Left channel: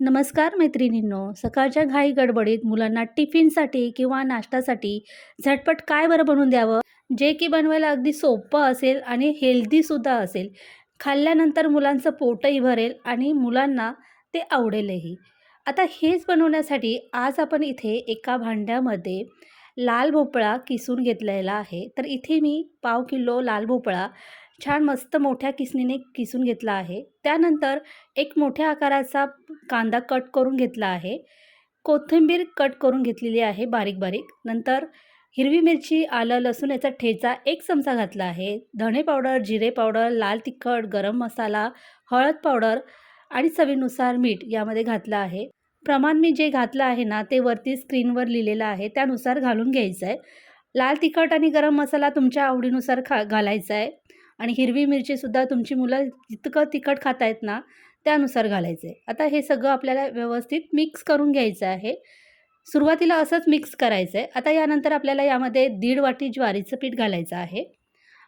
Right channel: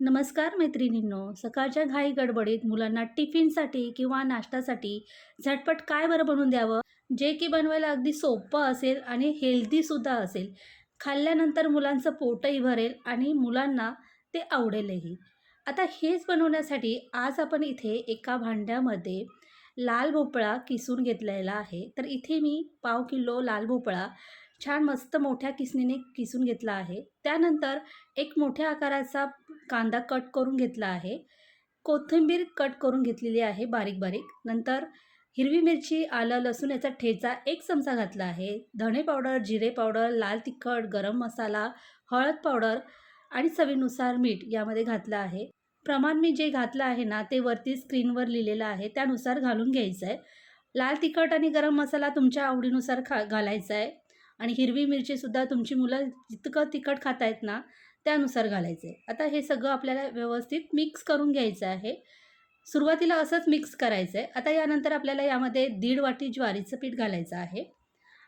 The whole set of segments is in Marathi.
नमस्कार मैत्रिणींनो. सकाळच्या घाई गडबडीत मुलांना टिफिनसाठी किंवा नाश्त्यासाठी झटपट काय बरं बनवून द्यावं, जे की बनवायला अगदी सोपं असेल आणि हेल्दीसुद्धा असेल. खाल्ल्यानंतर मुलांचं पोटही भरेल आणि मुलांना ते आवडेलही. आता हेच बनवण्यासाठी आज आपण इथे एका भांड्यामध्ये लाल भोपळा किसून घेतलेला आहे. तर इथे मी पाव किलो लाल भोपळा छान मस्त मोठ्या किसणीने किसून घेतला आहे. त्यानंतर एक मोठ्या आकाराचा कांदा कट करून घेतला आहे. कोथिंबीर कट करून घेतलेली आहे बारीक-बारीक. नंतर हिरवी मिरची, आलं, लसूण याचा ठेचा 1 चमचा घातला आहे. धणे पावडर, जिरे पावडर, लाल तिखट, गरम मसाला, हळद पावडर आणि चवीनुसार मीठ यामध्ये घातलं आहे. प्रमाण मी जे घातलं आहे ना, ते वरती स्क्रीनवर लिहिलेलं आहे, त्यानुसार घालून घ्यायचं आहे. लाल तिखट आणि गरम मसाला तुमच्या आवडीनुसार घालायचा आहे आणि हिरवी मिरचीसुद्धा तुमची मुलं जितकं तिखट खात आहेत ना, त्यानुसार घालायचं आहे. आता हे सगळं आपल्याला व्यवस्थित मिक्स करून घ्यायचं आहे. सुरुवातीला असंच मिक्स करायचं आहे. आता यानंतर आपल्याला यामध्ये 1.5 वाटी ज्वारीचं पीठ घालायचं आहे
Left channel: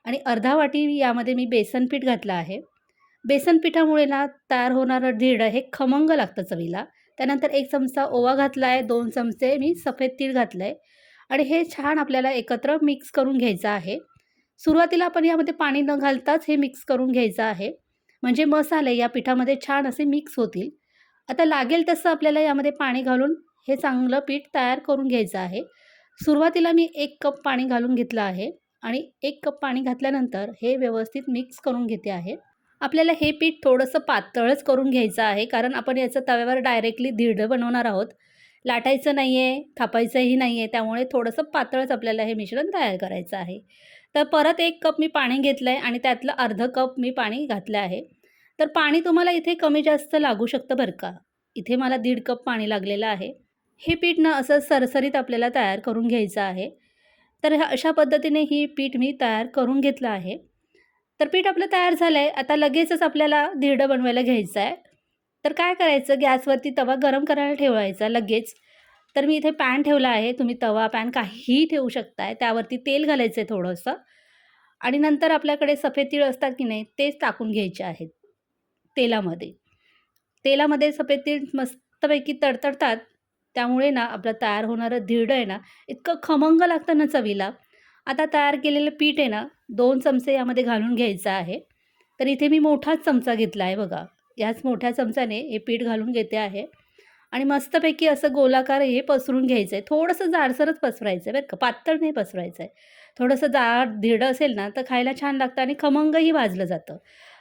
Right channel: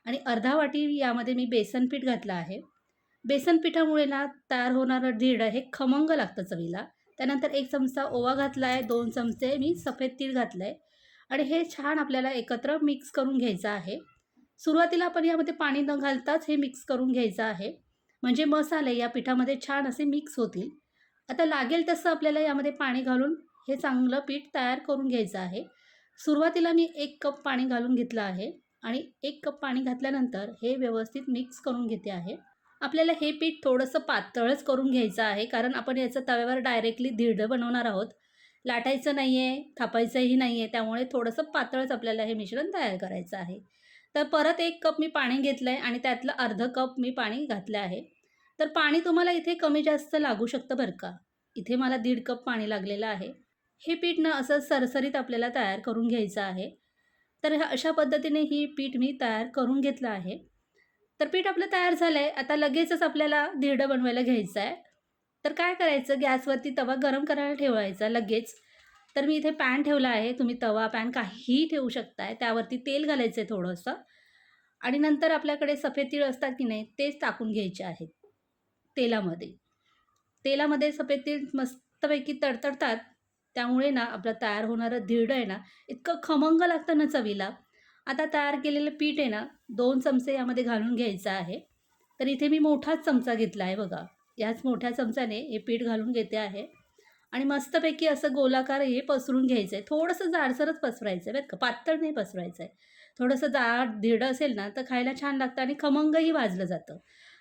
आणि अर्धा वाटी यामध्ये मी बेसन पीठ घातलं आहे. बेसन पिठामुळे ना तयार होणारं धिरडं हे खमंग लागतं चवीला. त्यानंतर 1 चमचा ओवा घातला आहे, 2 चमचे मी सफेद तीळ घातलं आहे आणि हे छान आपल्याला एकत्र मिक्स करून घ्यायचं आहे. सुरुवातीला आपण यामध्ये पाणी न घालताच हे मिक्स करून घ्यायचं आहे. म्हणजे मसाले या पिठामध्ये छान असे मिक्स होतील. आता लागेल तसं आपल्याला यामध्ये पाणी घालून हे चांगलं पीठ तयार करून घ्यायचं आहे. सुरुवातीला मी 1 कप पाणी घालून घेतलं आहे आणि 1 कप पाणी घातल्यानंतर हे व्यवस्थित मिक्स करून घेते आहे. आपल्याला हे पीठ थोडंसं पातळच करून घ्यायचं आहे, कारण आपण याचं तव्यावर डायरेक्टली धिरडं बनवणार आहोत. लाटायचं नाही आहे, थापायचंही नाही आहे. त्यामुळे थोडंसं पातळच आपल्याला हे मिश्रण तयार करायचं आहे. तर परत 1 कप मी पाणी घेतलं आहे आणि त्यातलं अर्धं कप मी पाणी घातलं आहे. तर पाणी तुम्हाला इथे कमी जास्त लागू शकतं बरं का. इथे मला 1.5 कप पाणी लागलेलं आहे. हे पीठ ना असं सरसरीत आपल्याला तयार करून घ्यायचं आहे. तर अशा पद्धतीने ही पीठ मी तयार करून घेतलं आहे. तर पीठ आपलं तयार झालं आहे. आता लगेचच आपल्याला धिरडं बनवायला घ्यायचं आहे. तर काय करायचं, गॅसवरती तवा गरम करायला ठेवायचा लगेच. तर मी इथे पॅन ठेवला आहे. तुम्ही तवा, पॅन काहीही ठेवू शकताय. त्यावरती तेल घालायचं आहे थोडंसं आणि नंतर आपल्याकडे सफेद तीळ असतात की नाही, तेच टाकून घ्यायचे आहेत तेलामध्ये. तेलामध्ये सफेद तीळ मस्तपैकी तडतडतात. त्यामुळे ना आपलं तयार होणारं धिरडं आहे ना, इतकं खमंग लागतं ना चवीला. आता तयार केलेलं पीठ आहे ना, 2 चमचे यामध्ये घालून घ्यायचं आहे. तर इथे मी मोठाच चमचा घेतला आहे बघा. याच मोठ्या चमच्याने हे पीठ घालून घेते आहे आणि मस्तपैकी असं गोलाकार हे पसरून घ्यायचं आहे. थोडंसं जाडसरच पसरायचं आहे बरं का, पातळ नाही पसरायचं आहे. थोडंसं जाड धिरडं असेल ना, तर खायला छान लागतं आणि खमंगही भाजलं जातं.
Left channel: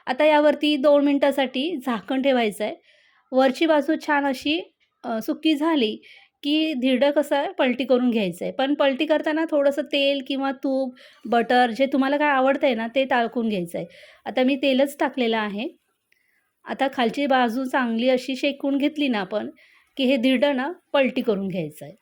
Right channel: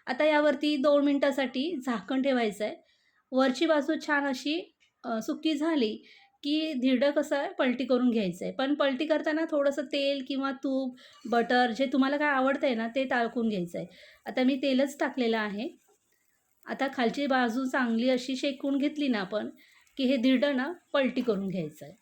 आता यावरती 2 मिनिटासाठी झाकण ठेवायचं आहे. वरची बाजू छान अशी सुकी झाली, की धिरडं कसं आहे पलटी करून घ्यायचं आहे. पण पलटी करताना थोडंसं तेल किंवा तूप, बटर जे तुम्हाला काय आवडतंय ना, ते टाकून घ्यायचं आहे. आता मी तेलच टाकलेलं आहे. आता खालची बाजू चांगली अशी शेकून घेतली ना आपण, की हे धिरडं ना पलटी करून घ्यायचं आहे.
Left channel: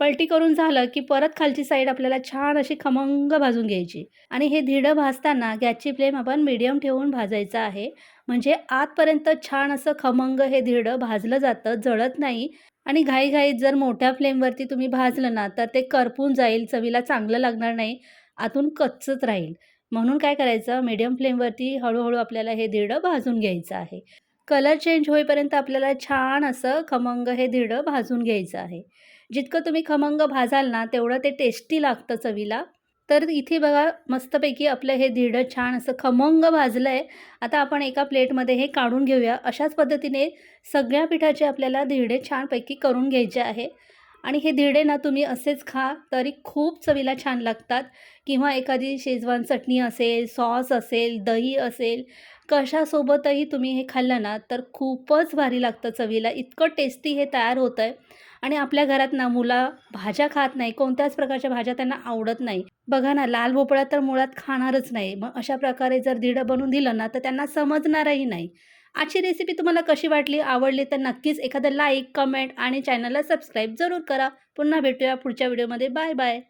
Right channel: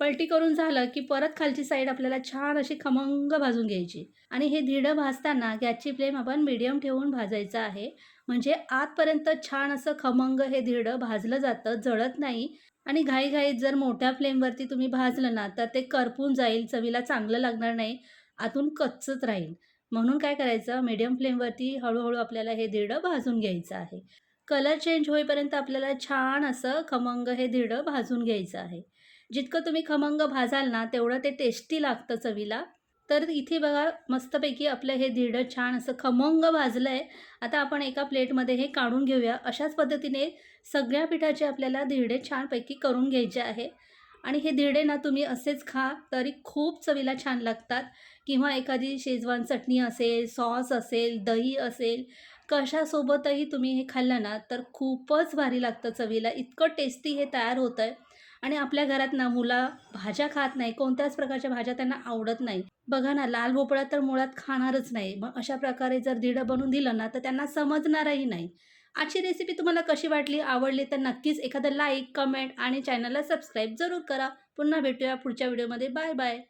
पलटी करून झालं, की परत खालची साईड आपल्याला छान अशी खमंग भाजून घ्यायची आणि हे धिरडं भाजताना गॅसची फ्लेम आपण मीडियम ठेवून भाजायचं आहे. म्हणजे आतपर्यंत छान असं खमंग हे धिरडं भाजलं जातं, जळत नाही आणि घाईघाईत जर मोठ्या फ्लेमवरती तुम्ही भाजलं ना, तर ते करपून जाईल, चवीला चांगलं लागणार नाही, आतून कच्चच राहील. म्हणून काय करायचं, मीडियम फ्लेमवरती हळू आपल्याला हे धिरडं भाजून घ्यायचं आहे. कलर चेंज होईपर्यंत आपल्याला छान असं खमंग हे धिरडं भाजून घ्यायचं आहे. जितकं तुम्ही खमंग भाजाल ना, तेवढं ते टेस्टी लागतं चवीला. तर इथे बघा मस्तपैकी आपलं हे धिरडं छान असं खमंग भाजलं आहे. आता आपण एका प्लेटमध्ये हे काढून घेऊया. अशाच पद्धतीने सगळ्या पिठाचे आपल्याला धिरडे छानपैकी करून घ्यायचे आहे आणि हे धिरडे ना तुम्ही असेच खा, तरी खूप चवीला छान लागतात किंवा एखादी शेजवान चटणी असेल, सॉस असेल, दही असेल, कशासोबतही तुम्ही हे खाल्लं ना, तर खूपच भारी लागतं चवीला. इतकं टेस्टी हे तयार होतं आहे आणि आपल्या घरात ना मुलं भाज्या खात नाही, कोणत्याच प्रकारच्या भाज्या त्यांना आवडत नाही. बघा ना, लाल भोपळा तर मुळात खाणारच नाही. मग अशा प्रकारे जर धिरडं बनवून दिलं ना, तर त्यांना समजणारही नाही. आजची रेसिपी तुम्हाला कशी वाटली, आवडली तर नक्कीच एखादं लाईक, कमेंट आणि चॅनलला सबस्क्राईब जरूर करा. पुन्हा भेटूया पुढच्या व्हिडिओमध्ये. Bye bye.